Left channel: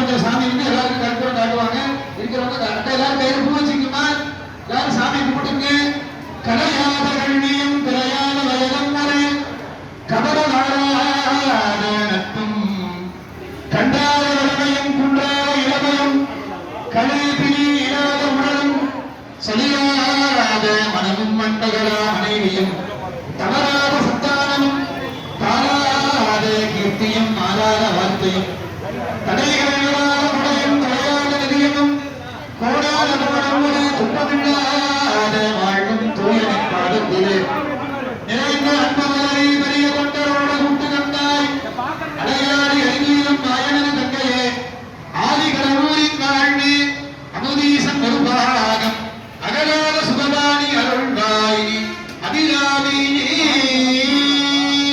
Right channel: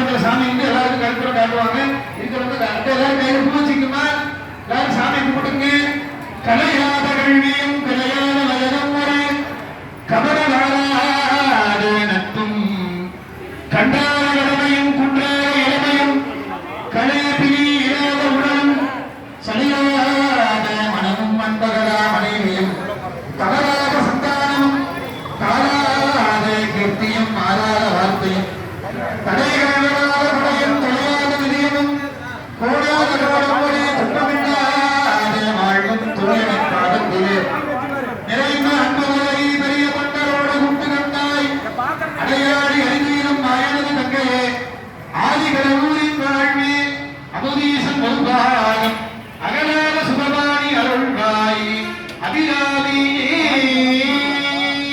பண்ற சாமி வந்து எல்லாருக்கும் கருத்துல காட்டுவாங்க. இருக்கிறவங்க எல்லாரும் கையில பூ வச்சுக்குமா, எல்லாரும் சாமி கும்பிடுங்க. கலையாத கல்வியும் கலையாத வயலும் முறை கமலாடே நட்பும் கண்டாத இளமையும் குன்றாத இளமையும் கலைப்பினி இல்லாத உடலும் சலியாத மனமும் அன்பகலா மனைவியும் தவறாத சந்தானமும் தாராத கீர்த்தியும் மாறாத வார்த்தையும் தடைகாணாத முறையும் தொலையாத நிதியமும் கோடாத கோடமுறை துன்பமில்லாத வாழ்வும் தூயமை பாதத்திலே நிறைந்த அன்புகளை பெரிய கொண்டரோடு குண்டு கண்டாய் அடையாடி அறிஞரும் மாயனது தங்கையே ஆதிகட ஊரின் வாழ்வே அமுதீசன் ஒருபாகம் அகலாத சுகபாணி அருள்வாய் அதிராவி